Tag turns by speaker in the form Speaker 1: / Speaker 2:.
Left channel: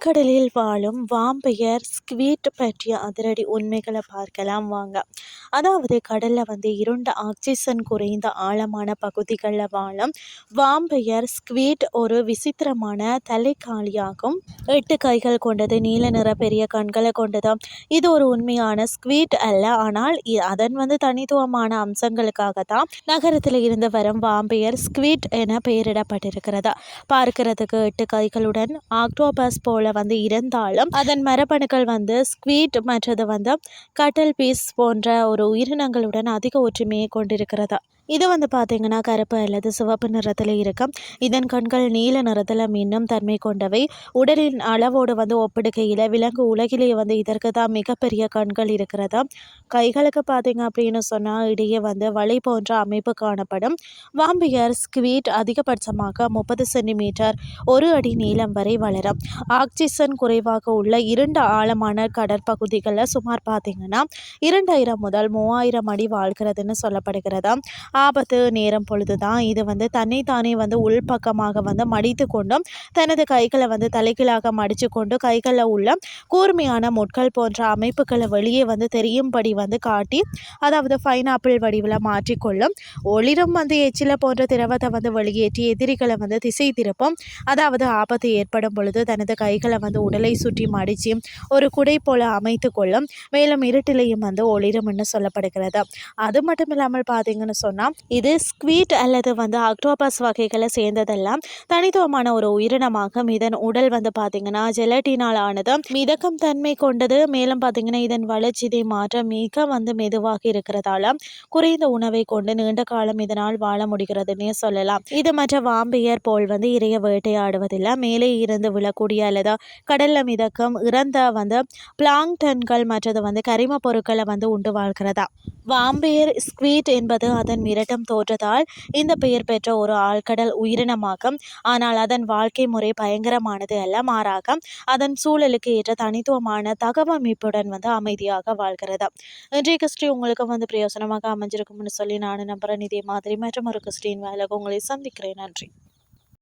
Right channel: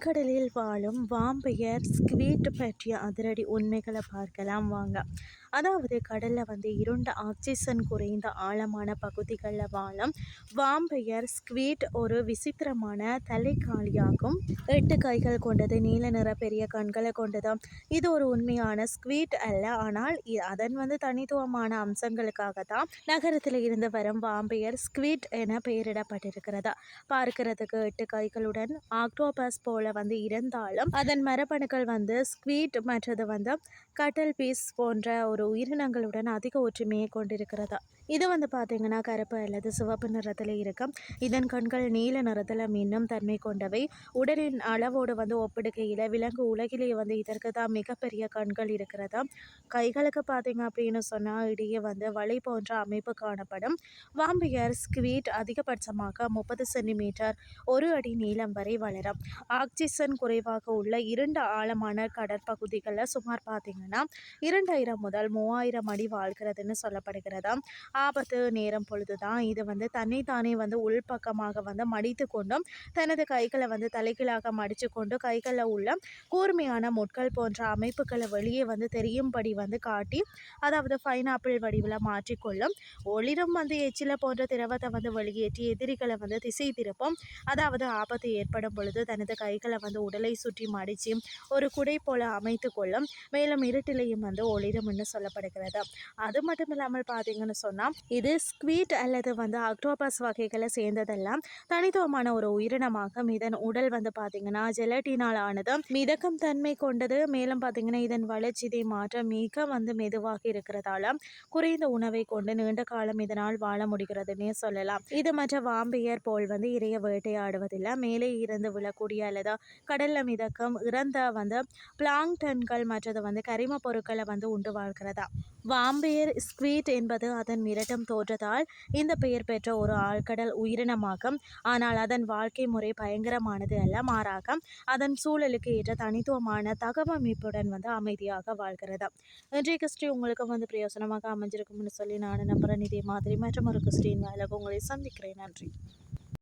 Speaker 1: ஆழ்கடலில் வாழும் வாம்பயர் ஸ்க்வீட் பற்றிய அதிரடி உண்மைகளை பார்க்கலாம் வாங்க. அதாவது கடலில் வந்து இருண்ட ஆக்சிஜன் குறைந்த ஆழமான பகுதிகளில் வாழும் வாம்பயர் ஸ்க்வீட் ஒரு விசித்திரமான தலைக்காளியாகும் எட்டு கைகள் கொண்டது நீல நிற பெரிய கண்களை கொண்டது இது ஒரு உண்மையான ஸ்க்வீட் அல்ல. ஆனால் அதன் வந்து தனித்துவமான அம்சங்களுக்காக தான் நகரத்தில் இருந்து வரும் வாம்பயர் ஸ்க்வீட் என பெயரிடப்பட்டிருக்கிறது. பார்க்கிறதுக்கு எட்டு கைகளுடன் ஆக்டோபஸ் போல வந்து இருந்தாலும் அதன் மரபணுக்கள் வந்து ஸ்க்வீட் மற்றது வந்து கட்டல் பீஸ் போன்ற ஒரு உயிரினங்களுடன் அதிக ஒற்றுமையை கொண்டிருக்கிறது? இது வந்து பார்த்தீங்கன்னா கருப்பு அல்லது சிவப்பு நிறத்தில் இருக்கும். இதன் கண்கள் நீல நிறத்தில் மீண்டும் தன்மை கொண்டவை. உடலின் அளவோடு வந்து ஒப்பிடுகையில் விலங்கு உலகிலேயே வந்து இதற்கு தான் மிகப்பெரிய கண்கள் இருக்கிறதா கைகளுக்கு பார்த்தீங்க அப்படின்னு சொன்னால் இடையே வந்து வலை போன்ற அமைப்பு காணப்படும். வாம்பியர் ஸ்க்வீட் அதிகபட்சமாக முப்பது சென்டிமீட்டர் ஒரு அடி நீளம் வரை வளரும். ஆக்சிஜன் குறைவாக உள்ள இரண்டு ஆழமான கடற்பகுதிகளில் சுமார் பார்த்தீங்கன்னா இரண்டாயிரம் முதல் மூவாயிரம் அடி வாழ்கிறதுன்னு சொல்லப்படுகிறதா ஆபத்து நேரம் பொழுது தான் இது வந்து தன்னைத்தானே வந்து உள்பக்கமாக வந்து மடித்து கொண்டும் தனது கைகளை வந்து தலைகீழாக மடித்து கொண்டு கைகளில் உள்ள கூர்மையான முட்கள் போன்ற அமைப்புகளை வெளியே வந்து தெரியும்படி வந்து காட்டி அதாவது பைனாப்பிள் வடிவில் மாற்றிக்கொள்ளும். ஒளிரும் வந்து எச்சில போன்ற திரவத்தை வந்து வெளியேற்றி எதிரிகளை வந்து திசை திருப்பும். அதாவது ஆபத்து ஏற்படும் பொழுது தனது கைகளை வந்து உடலை சுற்றி மடித்து ஒரு குடை போல அமைத்து கொள்ளும் மேலும் இருட்டிலையும் வந்து ஒளிரும்னு சொல்லப்படுகிறது. அது மட்டும் இல்லாமல் பார்த்தீங்கன்னு சொன்னால் இது ஸ்குவீட் அல்லது வந்து ஆக்டோபஸ் வகைகளை சேர்ந்ததெல்லாம் தனித்துவமான ஒரு உயிரினமாகும். இதன் உடல் வந்து பார்த்தீங்கன்னா ஜெலட்டினால் ஆனது மிதக்கும் தன்மை கொண்டது. மேலும் பார்த்தீங்கன்னா இதன் வளர்ச்சிதை மாற்றம் மிக வந்து மெதுவாக இருக்கிறதால குறைந்த உணவை கொண்டு நீண்ட காலம் இதனால் வாழ முடிகிறதுன்னே சொல்லலாம். இது மற்ற வாம்பியர் போல் வந்து இறைய வேட்டையாடுவதில்லை. மேலே இருந்து விழக்கூடிய அல்லது கடல்ல மிதக்கும் இறந்த வந்து பிளாங்டன்கள் மற்றது வந்து கரிம பொருட்களை வந்து உண்டு வாழ்கிறதா. வாம்பியர் ஸ்குவீட் என்பது அதன் பலரிடம் தோற்றத்தால் இந்த பெயர் பெற்ற ஒரு ஆழ்கடல் உயிரினமாகும் ஆனால் அதன் வாழ்க்கை முறை பயங்கரமானது அல்ல. மாறாக அதன் சூழலுக்கு ஏற்ற தனித்துவமான தகவமைப்புடன் வந்து அமைதியாக வாழ்கிறது. இன்றைய கிறிஸ்டி உங்களுக்கு வந்து பிரயோசனமாக அமைஞ்சிருக்கும்னு சொல்லி நான் நம்புறேன். இதே மாதிரி மற்றும் ஒரு கிறிஸ்டின் வேலை உங்களை சந்திக்கிறேன். நன்றி.